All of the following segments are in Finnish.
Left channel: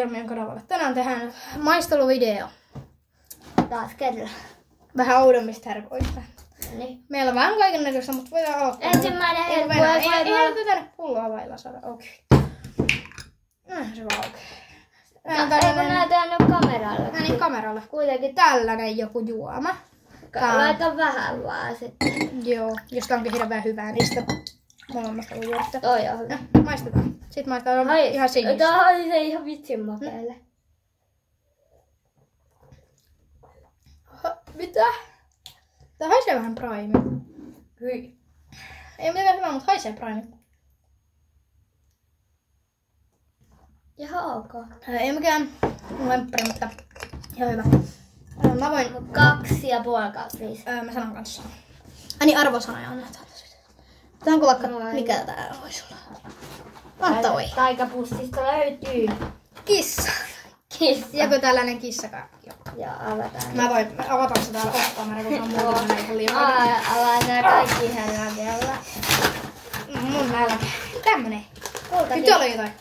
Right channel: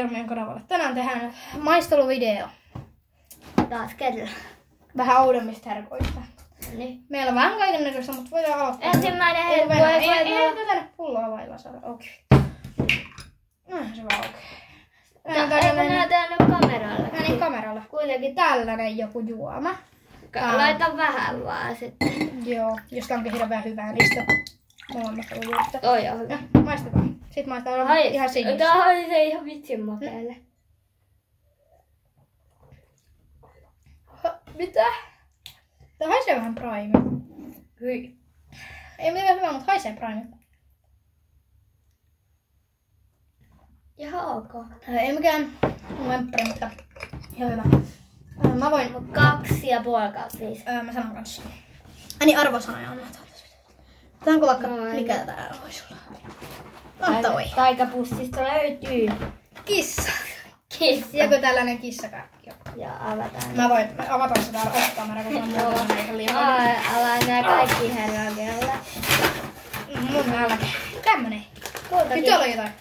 Jurmien kanavalle. Tänään tehdään maisteluvideo. Taas kerran. Vähän oudommista herkoista. Niin. Meillä on vähän kaikennäköistä, mutta voidaan aloittaa. Ensimmäinen herkku. Ei tänne pulloa vailla saada. Okei. Se vaan okei. Eikö näytä nyt kameralle? Niin kameralle. Kuitenkin Tällainen joku juoma. laita vähän vaan sitten. Joo, josta onkin hirveän hyvää niistä molemmasta ujuista. Toi on hyvä. Maistetaan. Sitten maistetaan ihan sinistä. Tää haisee ihan vitsin makeelle. Mitä? Tää haisee vähän prime. Hyi. Ei mitään hyvää, mutta haisee prime. Ihan ok. Ei mikään lemppari, mutta ihan hyvä. Mä voin... 2,5/5. Mä sanon kanssa. Niin arvosanoja annetaan tässä. Tää onko vaikka... Mikä tää voisi olla? Toi. Taikapussista löytyy. Kissa. Kissa. Joku tällainen kissakarkki. Ja avataan. Mä voin avata sitä täällä ostaamalla, kun on muuta liimaa. Avaan nää kaikki yhdellä vielä. Mun nälkä. Tämmönen. Nyt on jotain.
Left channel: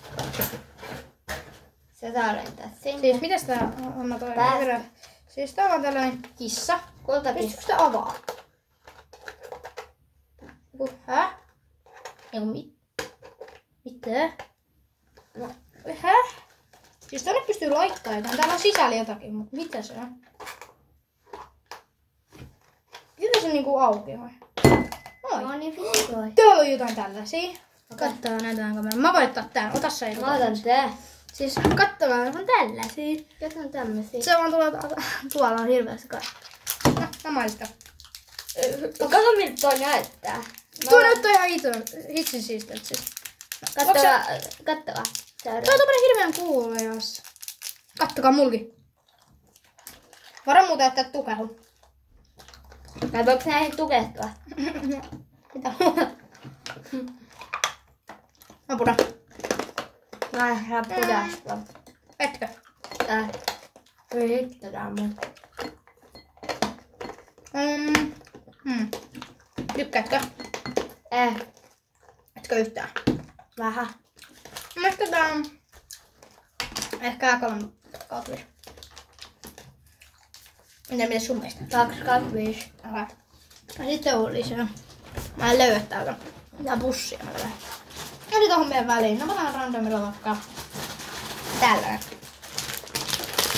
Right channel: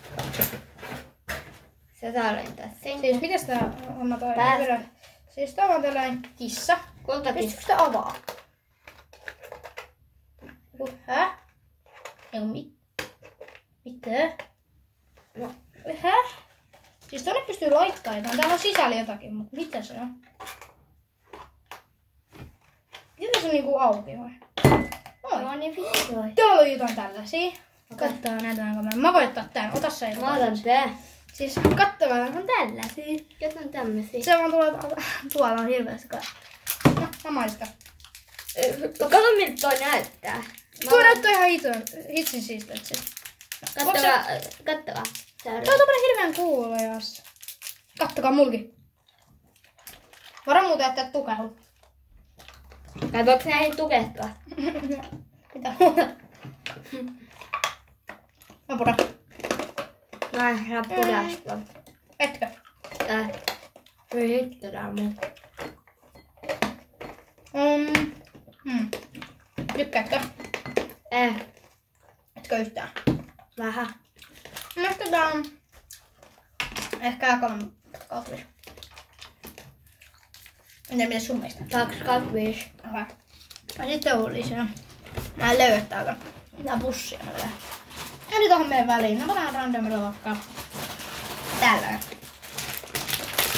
Se tallentaa sinne. Siis mitäs tää homma toi? Siis tää on tällainen kissa. Kultakissa. Pystytkö sitä avaa? Hä? Eiku mitä? No, hä? Siis tänne pystyy laittamaan jotain. Täällä on sisällä jotakin, mutta mitä se on? Mitä se on niinku auki vai? No niin vitoi. Täällä on jotain tällaisia. Katsotaan näytetään kameraan. Mä voin ottaa tän. Ota se ei. Mä otan tää. Siis katsokaa, on tällaisia. Kes on tämmösiä? Se vaan tuolla on hirveästi kai. No, mä maistan. Kato miltä toi näyttää. Tuo näyttää ihan hitsin siisteltä siis. Kattava. Tää on tommonen hirveän kuulojas. Kattokaa mulki. Varo muuta, että et tukehu. Vai voiko näihin tukehtua? Mitä? Mä pudan. Mä en saa pudastua. Etkö? Tää. Voi hitto tää mun. Tykkäätkö? Etkö yhtään? Vähän. Mielestäni tää on ehkä 3/5. Entä miten sun mielestä? 2/5. Aha. Ja sitten on lisää. Mä en löydä täältä. Tää bussia mä löydän. Eli tohon meidän väliin. No mä otan randomilla vaikka tällainen.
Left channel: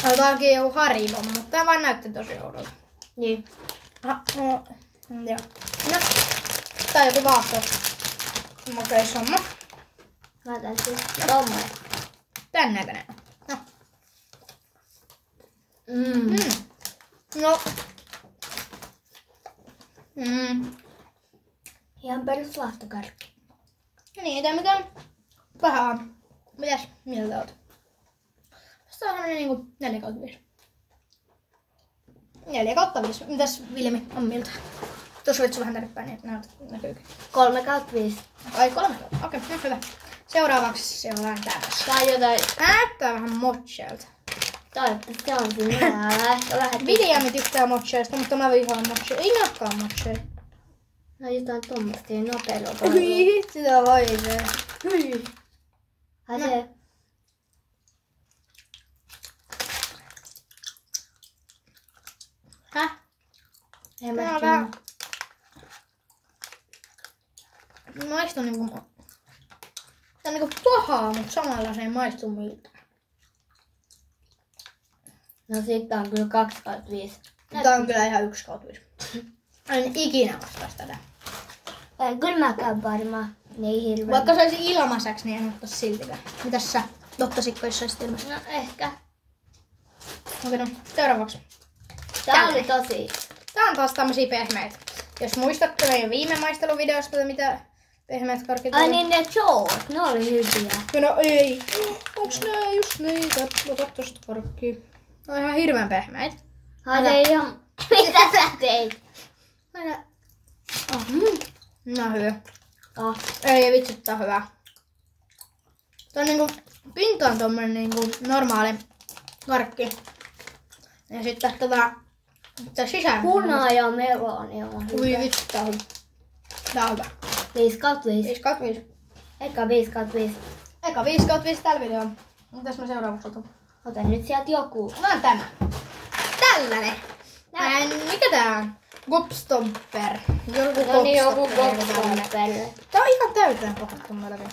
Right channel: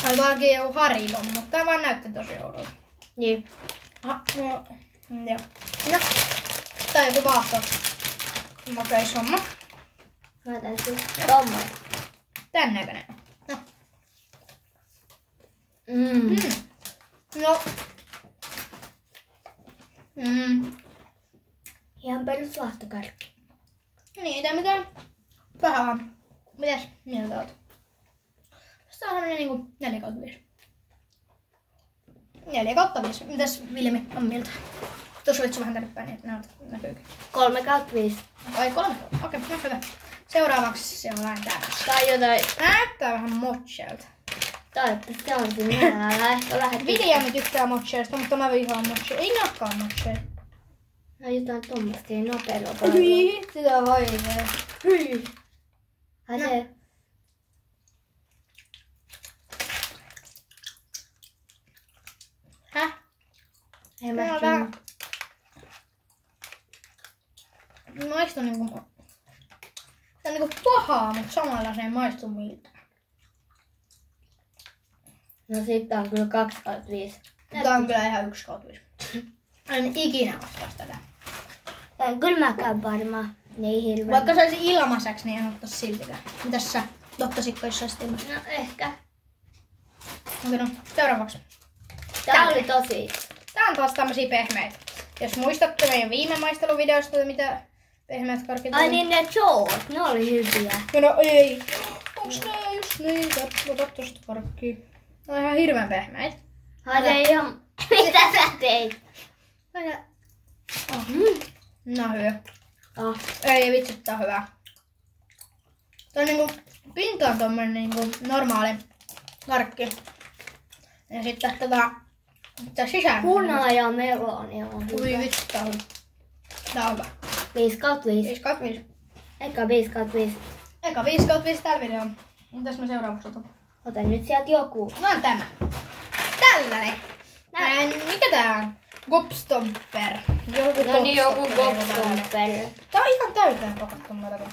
Oli toki joku Haribo, mutta tää vaan näytti tosi oudolta. Niin. Joo. No. Tää on joku vaahto. Makeis homma. Mä otan siis tommonen. Tän näköinen. No. No. Ihan perus lahtokarkki. Niin, tää mitään vähän. Mitäs mieltä oot? Tässä on niinku 4/5. 4/5. Mitäs Vilmi on mieltä? Tuossa vitsi vähän tänne päin, niin näkyykö? 3/5. Ai 3. Okei, no hyvä. Seuraavaksi se on vähän tämmössä. Tai jotain. Näyttää vähän mochailta. Toivottavasti on siinä. Ehkä vähän. Viljami tykkää mochailta, mutta mä vihaan mochailta. Ei nakkaan mochailta. No jotain tommoista, ei nopeilla. Sitä vaivee. Hyi. Ai se. Häh? Ei mä Tää maistuu niinku... Tää on niinku pahaa, mutta samalla se ei maistu miltä. No sitten on kyllä 2/5. Tää on kyllä ihan 1/5. En ikinä ostais tätä. Kyllä mä käyn varmaan. Niin hirveän. Vaikka se olisi ilmaiseksi, niin en ottais siltikään. Mitäs sä ottaisit, jos olisit ilmaiseksi? No ehkä. Okei, no seuraavaksi. Tää oli tosi. Tää on taas tämmösiä pehmeitä. Jos muistatte meidän viime maisteluvideosta, mitä pehmeät karkit Ai niin ne Joes, ne oli hyviä. No ei. Onks nää just niitä? Ota tosta karkkia. Ne on ihan hirveän pehmeitä. Haide ihan... Mitä sä teit? No hyvä. Oh. Ei vitsi, tää on hyvä. Tää on niinku, pinta on tommonen niinku normaali karkki. Ja sitten tää sisään. Puna ja meloni on hyvä. Ui vitsi, tää on hyvä. Tää on hyvä. 5/5. 5/5. Eikä 5/5. Eka 5/5 tällä videolla. Mitäs mä seuraavaksi otan? Ota nyt sieltä joku. Otan tämä. Tällainen. Mikä tää on? Gobstopper. Joku Gobstopper. Tää on ihan täyteen pakattu melkein.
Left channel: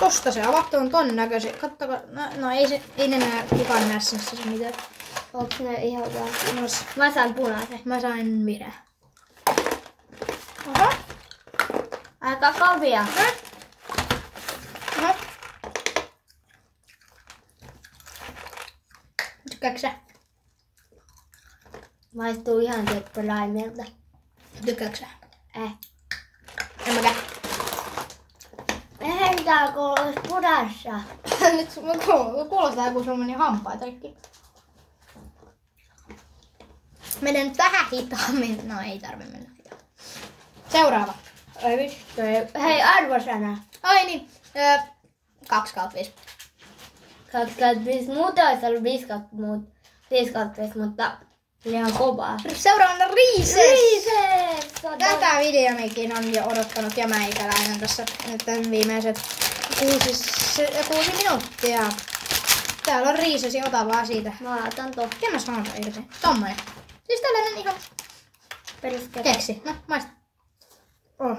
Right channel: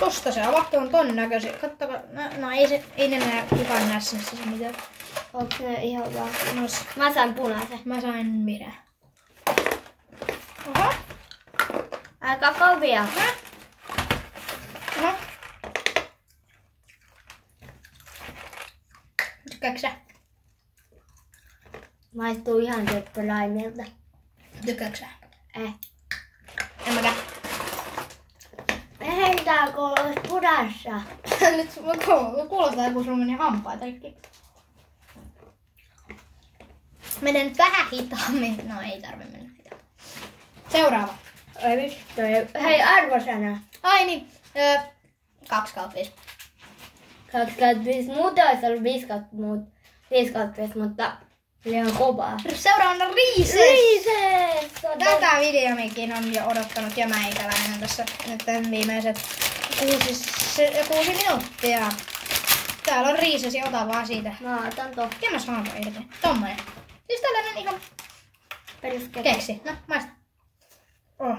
Tosta se avattu on ton näköisiä. Kattokaa. No ei ne näe kukaan näe se mitään. Onks ne ihan vaan? Mä sain punaisen. Mä sain vihreä. Oho. Aika kovia. Oho. Tykkääksä sä? Maistuu ihan teppäläimeltä. Tykkääksä sä? En mäkään. Heitääkö olisi pudassa? Nyt kuulostaa joku semmonen hampaatarikki. Menen nyt vähän hitaammin. No ei tarvi mennä hitaammin. Seuraava. Hei, arvosana. Ai niin. 2/5. 25. Muuta olisi ollut 5/5, mutta liian kovaa. Seuraavana Reese's. Reese's! Tätä videomikin on jo odottanut ja meikäläinen tässä nyt viimeiset 6 minuuttia. Täällä on Reese's ja ota vaan siitä. Mä otan tohon. Miten mä saan ton irti? Tommonen. Siis tällainen ihan keksi. No, maista. Oh.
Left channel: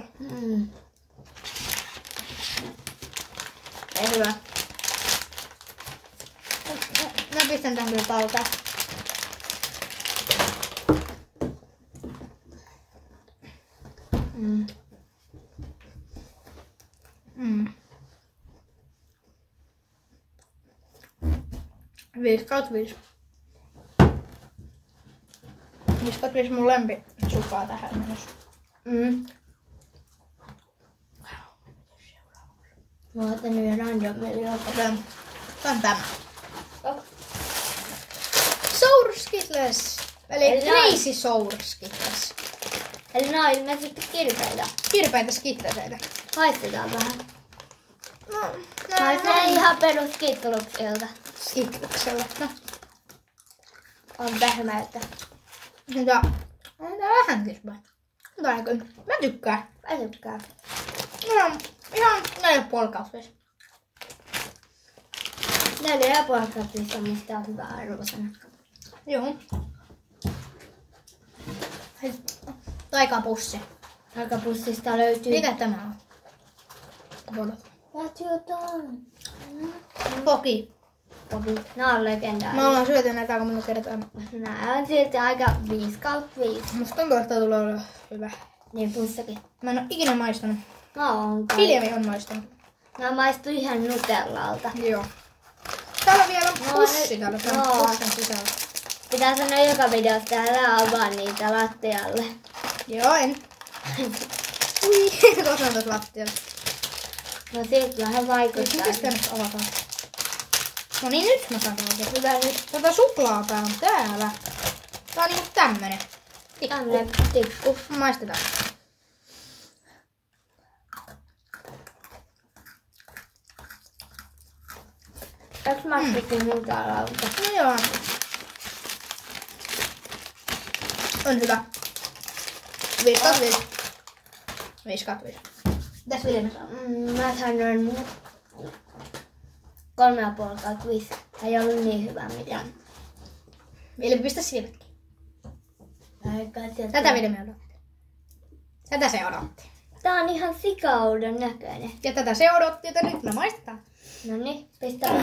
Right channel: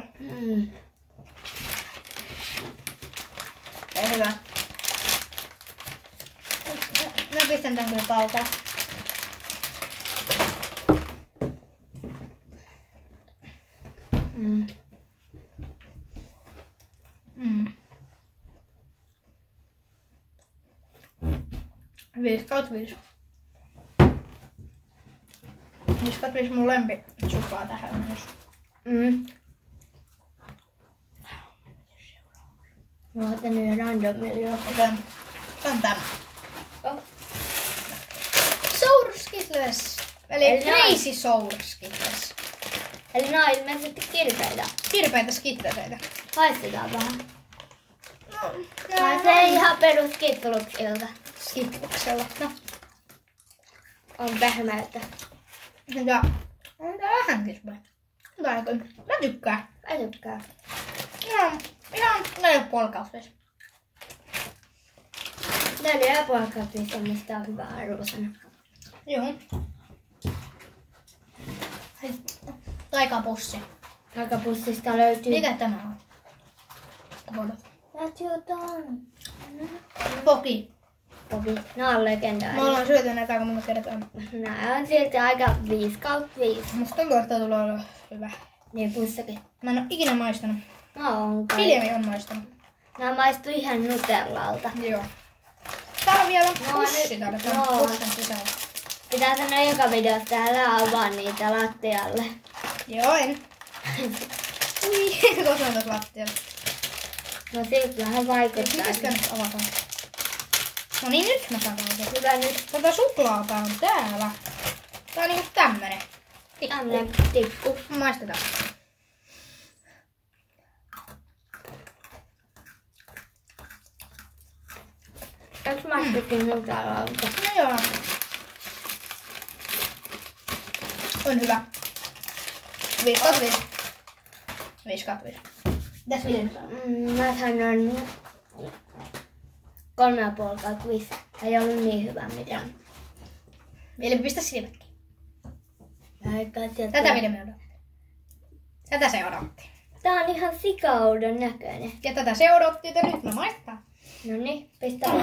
Ei hyvä. Mä pistän tän kyllä talteen. Viisi kautta viisi. 5/5 mun lempi supaa tähän mennessä. Mä otan yhden randomilla. Otan tämä. Sour Skittles. Eli Crazy Sour Skittles. Eli nää on ilmeisesti kirpeitä. Kirpeitä skitleseitä. Haistetaan vähän. No, Haisee ihan perus Skittluksilta. Skittleksella. No. On pehmeitä. Ja on tää vähän kirpeä. Tää kyllä. Mä tykkään. Mä tykkään. Ihan 4,5/5. 4,5 on musta hyvä arvosana. Joo. Taikapussi. Taikapussista löytyy. Mikä tämä on? jotain. Poki. Nää on legendaarisia. Me ollaan syöty näitä aika monta kertaa. Nää on silti aika 5/5. Musta tuntuu, että tää tulee olla hyvä. Niin pussakin. Mä en oo ikinä maistanut. No on kai. Hiljemmin on maistanut. Nää maistuu ihan nutellalta. Joo. Täällä on vielä pussi täällä. Täällä on pussin sisällä. Pitää sanoa joka videossa täällä avaa niitä lattialle. Joo, en. Ui, tuossa on tuossa lattialla. No silti vähän vaikuttaa. Mitäs tää nyt avataan? No niin, nyt mä saan tämän. Hyvä nyt. Tätä suklaapää on täällä. Tää on niinku tämmönen. Tämmönen tikku. Maistetaan. Onks maistukin nutellalta? No joo. On hyvä. 5/5. 5/5. Mitäs Vilma saa? Mä sanoin 3,5/5. Ei ollut niin hyvä mitään. Vilma, pistä silmätkin. Tätä Vilma odotti. Tätä se odotti. Tää on ihan sikaudon näköinen. Ja tätä se odotti, että nyt mä maistetaan. Noniin, pistä. No,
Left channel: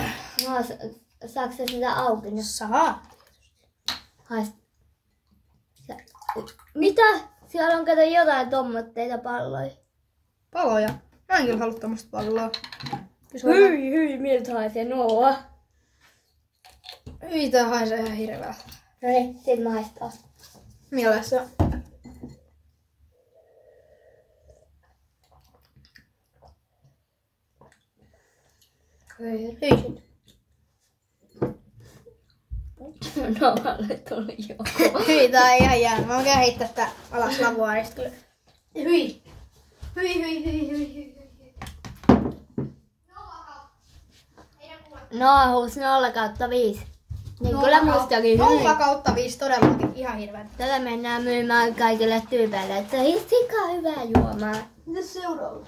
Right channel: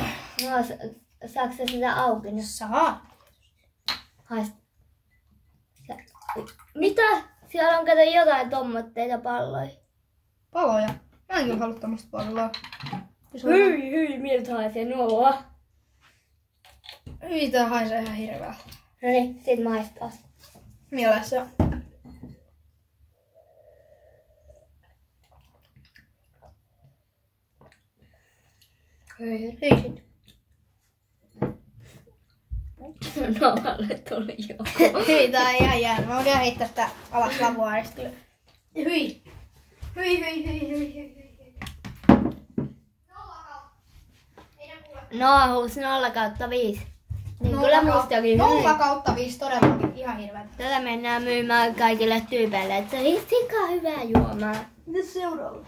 saaks se sitä auki nyt? Saa. Haist. Mitä? Siellä on kato jotain tommotteita palloja. Paloja. Mä en kyllä halua tämmöstä palloa. Hyi, miltä haisee nuo? Hyi, tää haisee ihan hirveältä. Noniin, sit maistaa. Mielessä. Hyi. Hyi. Noalle tuli joku. Hyi, tää on ihan jäänyt. Mä voin heittää sitä alas lavuaarista kyllä. Hyi. Hyi. Noahus 0/5. Niin kyllä mustakin hyi. 0/5 todellakin ihan hirveä. Tätä mennään myymään kaikille tyypeille, että ei sika hyvää juomaa. Mitäs seuraava?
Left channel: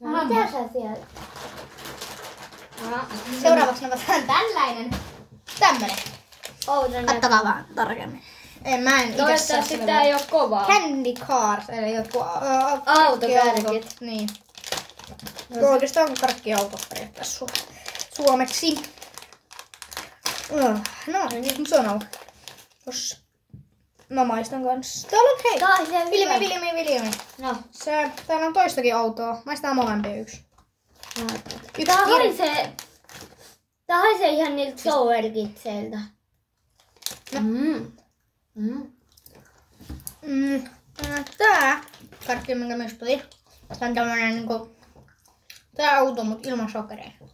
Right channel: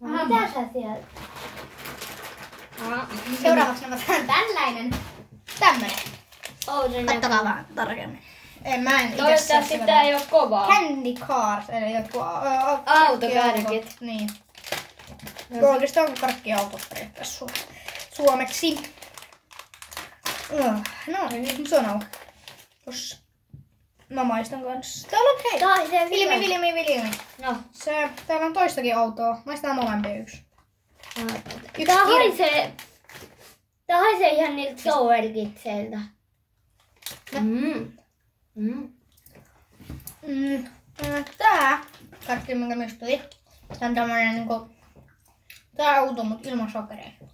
No, mitä sä sieltä? Seuraavaksi avataan tällainen. Tämmönen. Kattokaa vaan tarkemmin. Mä en toivottavasti tää ei oo kovaa. Candy cars, eli jotkut autokärkit. Niin. Oikeastaan karkkiautot periaatteessa suomeksi. No, niin se on auki. No maistan kanssa. Täällä on hei! Viljami. No. Täällä on toistakin autoa. Maistaa molempia yksi. Tää haisee ihan niiltä sourkitseiltä. Tää karkki, minkä myös tuli. Tää on tämmönen niinku... Tää auto, mut ilman sokereita.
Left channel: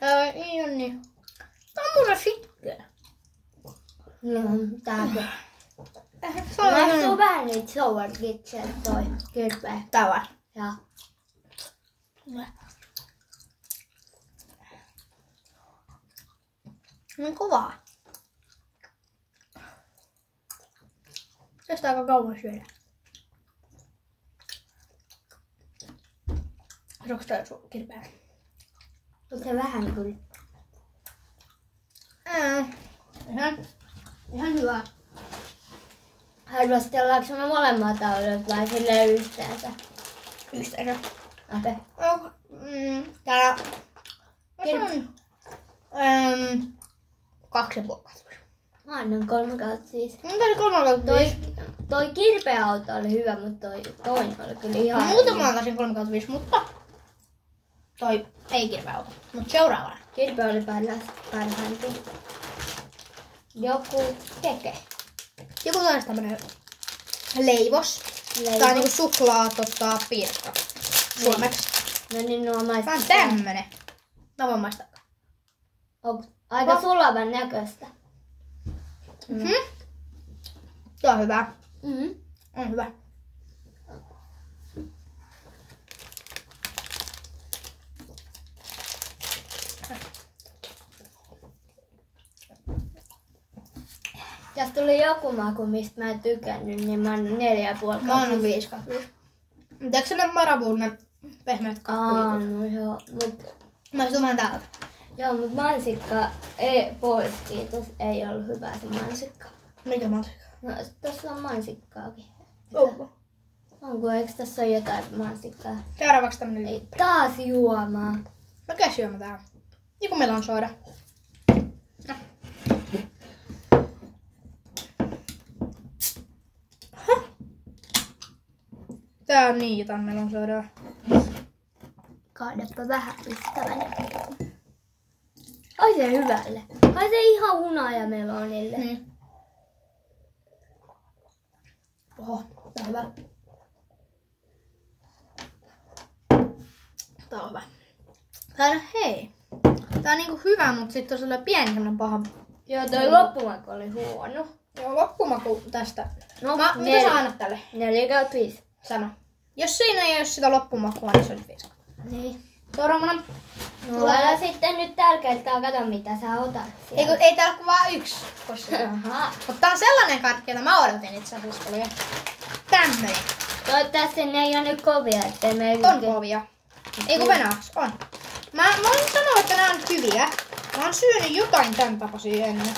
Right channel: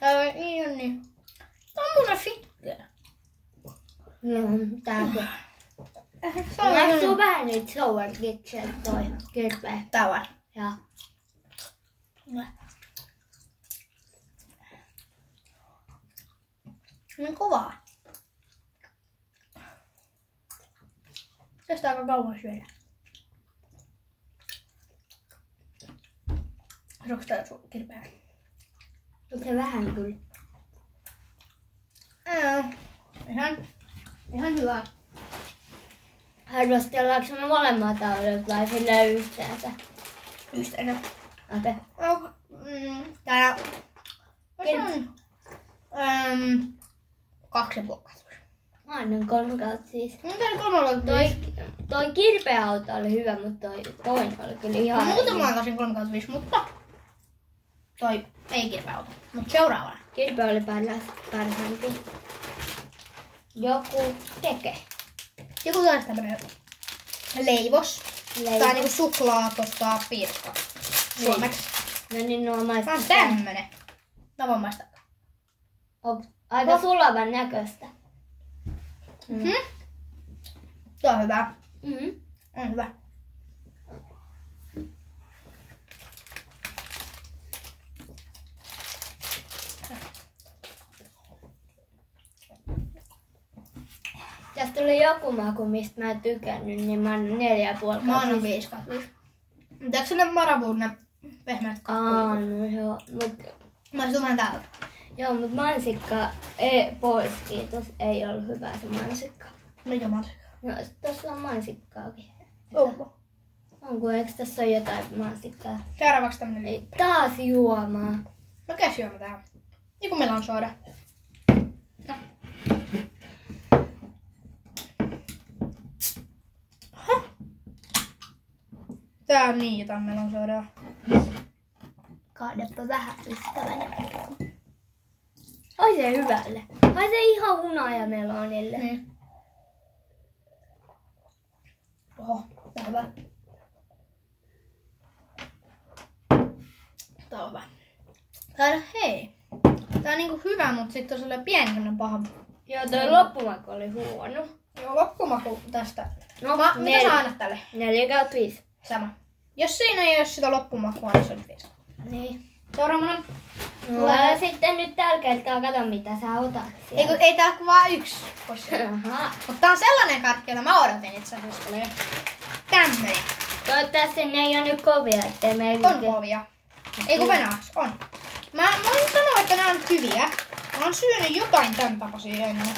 Tää ei oo niin... Tää on mulle fikkää. No, tääkö? Maistuu vähän niitä sourkitseiltä toi kirpeä. Tää vaan. Joo. Niin kovaa. Kestää aika kauan syödä. Onko tää kirpeä? Se vähän kyllä. Ihan hyvä. Arvostellaanko me molemmat autot vai silleen yhteensä? Yhteensä. Okei. Täällä... 2,5. Annan 3/5. Tää oli 3/5. Toi kirpeä auto oli hyvä, mutta toi toinen oli kyllä ihan... Muutama aikaisin 3/5, mutta... Toi ei kirpeä auto. Mut seuraavana. Kirpeä oli parhaampi. Joku keke. Joku taas tämmönen leivos. Tää on niinku suklaa piirka. Suomeksi. No niin, nuo maistaa. Tää on tämmönen. Mä voin maistaa. Aika sulavan näköistä. Tää on hyvä. On hyvä. Tästä tuli joku maku, mistä mä en tykännyt, niin mä annan 4,5. Mä annan 5/5. Pitääkö se ne maravuun ne pehmeät kakkulit? No joo, mut... Mä olisin vähän täältä. Joo, mut mansikka ei pois, kiitos. Ei ollut hyvä se mansikka. Mikä mansikka? No, tossa on mansikkaakin. Onko? Onko, eikö tässä ole jotain mansikkaa? Seuraavaksi tämmönen liippi. Taas juomaa. Mikä syömä tää on? Joku melon soda. No. Tää on niin jotain melon sodaa. Kaadapa vähän ystävänä. Haisee hyvälle. Haisee ihan hunajamelonille. Niin. Oho, tää on hyvä. Tää on hyvä. Tää on hei. Tää on niinku hyvä, mut sit on sellainen pieni semmonen paha. Joo, toi loppumaku oli huono. Joo, loppumaku tästä. No, Mitä sä annat tälle? 4/5. Sama. Jos siinä ei oo sitä loppumakua, niin se olisi 5. Niin. Seuraavana. No älä sitten nyt tällä kertaa kato mitä sä otat sieltä. Ei täällä kuin vaan yksi. Aha. Mutta tää on sellainen karkki, jota mä odotin itse asiassa. Oli jo tämmöinen. Toivottavasti ne ei oo nyt kovia, ettei meillä... On kovia. Ei kun venäjäksi, on. Mä voin sanoa, että nää on hyviä. Mä oon syönyt jotain tän tapaisia ennen.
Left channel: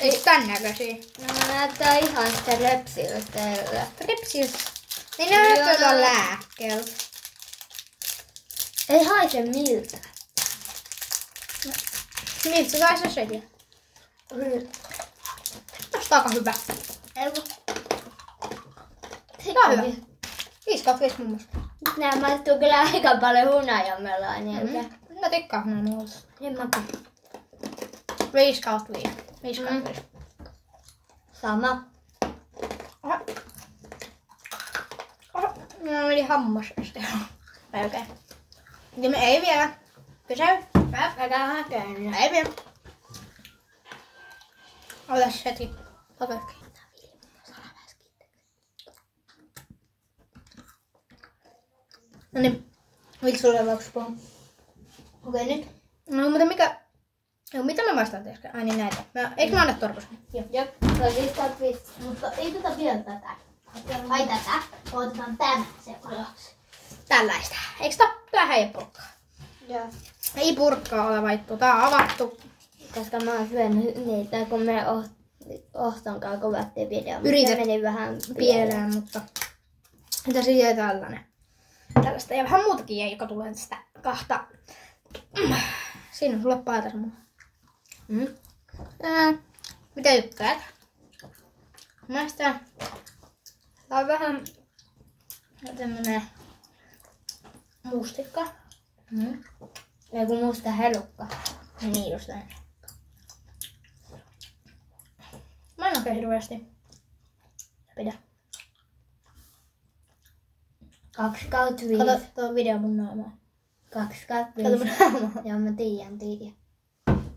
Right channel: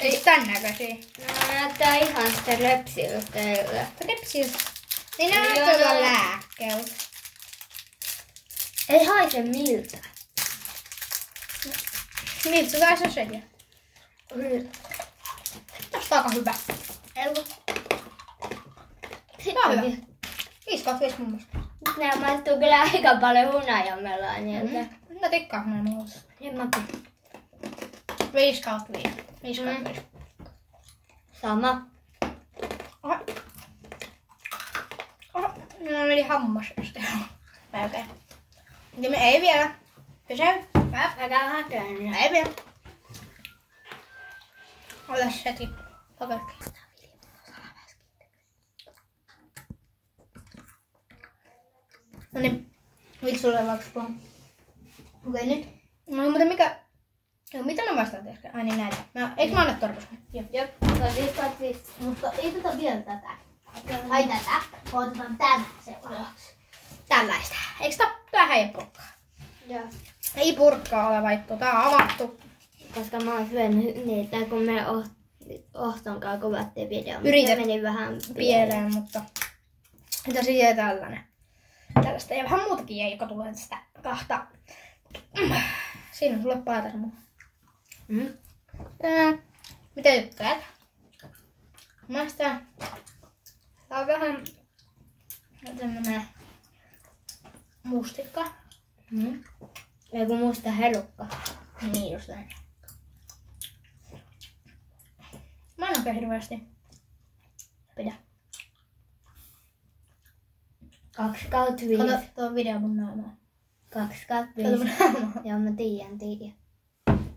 Ei tän näköisiä. No näyttää ihan sitä repsiltä. Repsiltä. Niin ne näyttää jotain lääkkeeltä. Ei haise miltä. Miltä sä se söiä? Tästä on aika hyvä. Tää on hyvä. 5/5 mun mielestä. Nää maistuu kyllä aika paljon hunajameloa niiltä. Mä tikkaan noin nuolta. En mäkin. 5/5. 5/5. Sama. Oho. Minä meni hammas äsken. Melkein. Ja me ei vielä. Pysy. Älä häkään. Ei vielä. Otas hetki. Okei. No niin. Nyt sulle vaikka puhua. Okei nyt. No mutta mikä... No, mitä mä vastaan äsken? Ai niin näitä. Eikö mä anna torkosen? Jep, se on 5/5. Mutta ei tätä vielä tätä. Ai tätä. Otetaan tämä seuraavaksi. tällaista. Eikö tää ei purkkaa? Joo. Ei purkkaa ole vaihtu. Tää on avattu. Koska mä oon syönyt niitä, kun me Ohtonkaan kuvattiin video. Yritet. Se meni vähän Pieleen, mutta mitä siihen tällainen. Tällaista ja vähän muutakin jäi, joka tulee tästä kahta. Siinä on sulle paita semmoinen. Mitä tykkäät? Maistaa. Tää on vähän tämmönen mustikka. Ei kun musta helukka. Niin just näin. Mä en oikein hirveästi. Pidä. 2/5. Kato tuo video mun naamaa. 2/5. Kato mun naamaa. Joo, mä tiedän.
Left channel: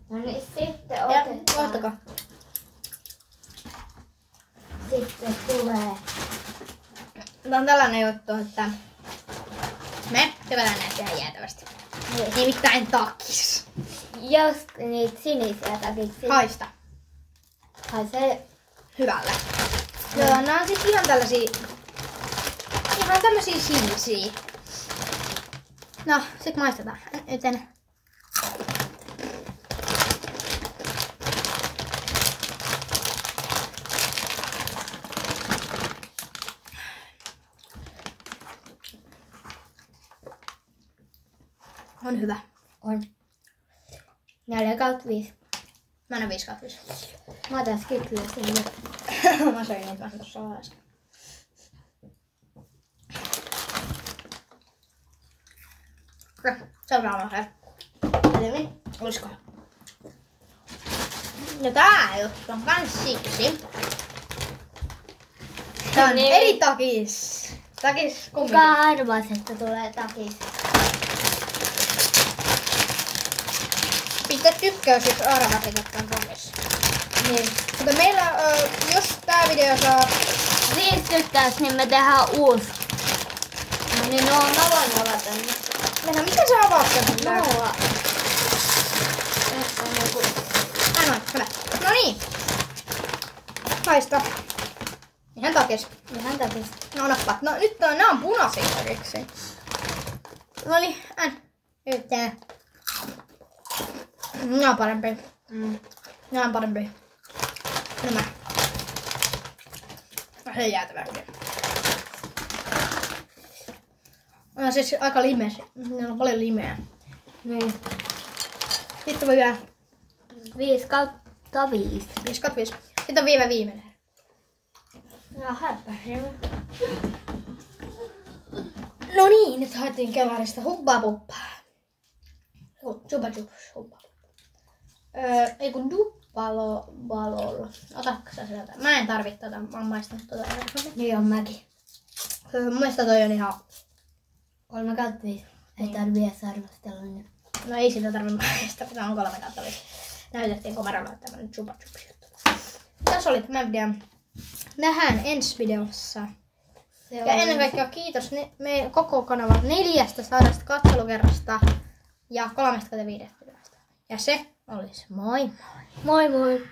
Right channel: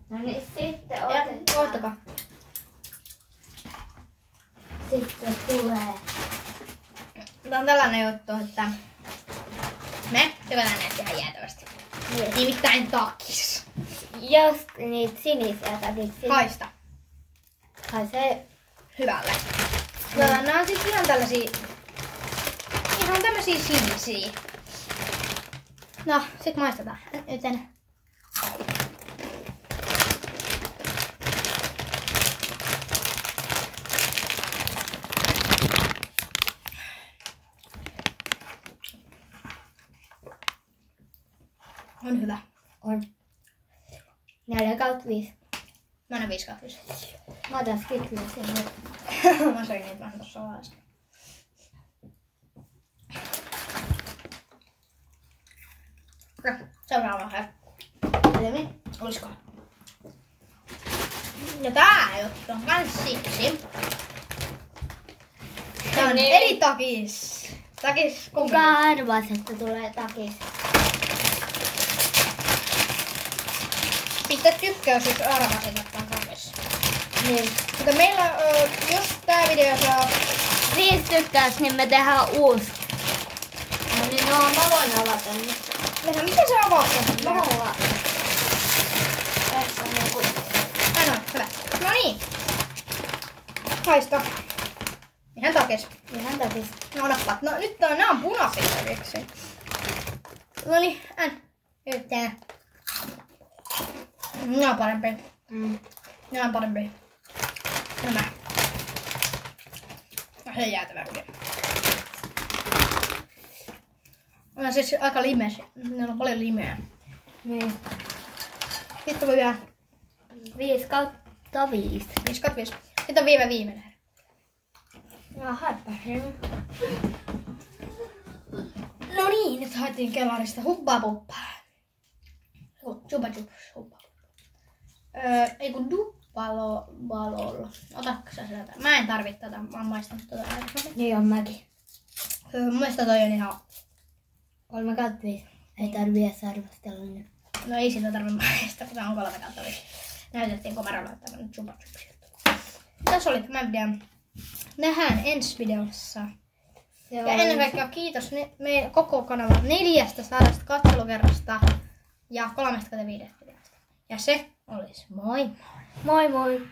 No niin, sitten Ja otetaan. ottakaa. Sitten tulee. Tää on tällainen juttu, että me tykätään näitä ihan jäätävästi. Nimittäin takis. Just niitä sinisiä takiksi. Haista. Haisee. Hyvälle. Nää on siis ihan tämmösiä sinisiä. No, sit maistetaan. Joten on hyvä. On. 4/5. Mä en oo 5/5. Mä otan skitleä sinne. Mä söin niitä vähän tossa vaiheessa. Seuraava herkku. Eli olisiko? Ja tää juttu on kans siksi. Tää on Niin. eri takis. Takis Kuka arvasi, että tulee takis? Pistä tykkäys, jos arvasit, että on takis. Niin. Mutta meillä, jos tää video saa 5 tykkäys, niin me tehdään uusi. No niin, no mä voin avata nyt. Venä, miten sä avaat sen? Mulla. Tässä on joku. Ainoa, hyvä. No niin. Haista. Ihan takis. Ihan takis. No nappaat. No nyt nää on punaisia takiksi. No niin, yritetään. Nää on parempi. Nää on parempi. Nämä. Se on jäätävä hyviä. On siis aika limeä. Niillä on paljon limeä. Niin. Sitten voi vielä 5/5. 5/5. Sitten on viimeinen. Ja harppasin. No niin, nyt haettiin kellarista hubbaa puppaa. Chupa chups, hubbaa. Ei kun duppalol. Otatko sä sieltä? Mä en tarvitse tätä, mä oon maistanut tuota aikaisemmin. Niin on mäkin. Mun mielestä toi on ihan... 3/5. Ei tarvii edes arvostella nyt. No ei sitä tarvitse maistaa, kun tää on 3/5. Näytettiin komerolla tämmönen chupa chups juttu. Tässä oli tämä video. Nähdään ensi videossa. Ja ennen kaikkea kiitos meidän koko kanavan 400 katselukerrasta ja 35 videosta. Ja se olisi moi moi. Moi moi.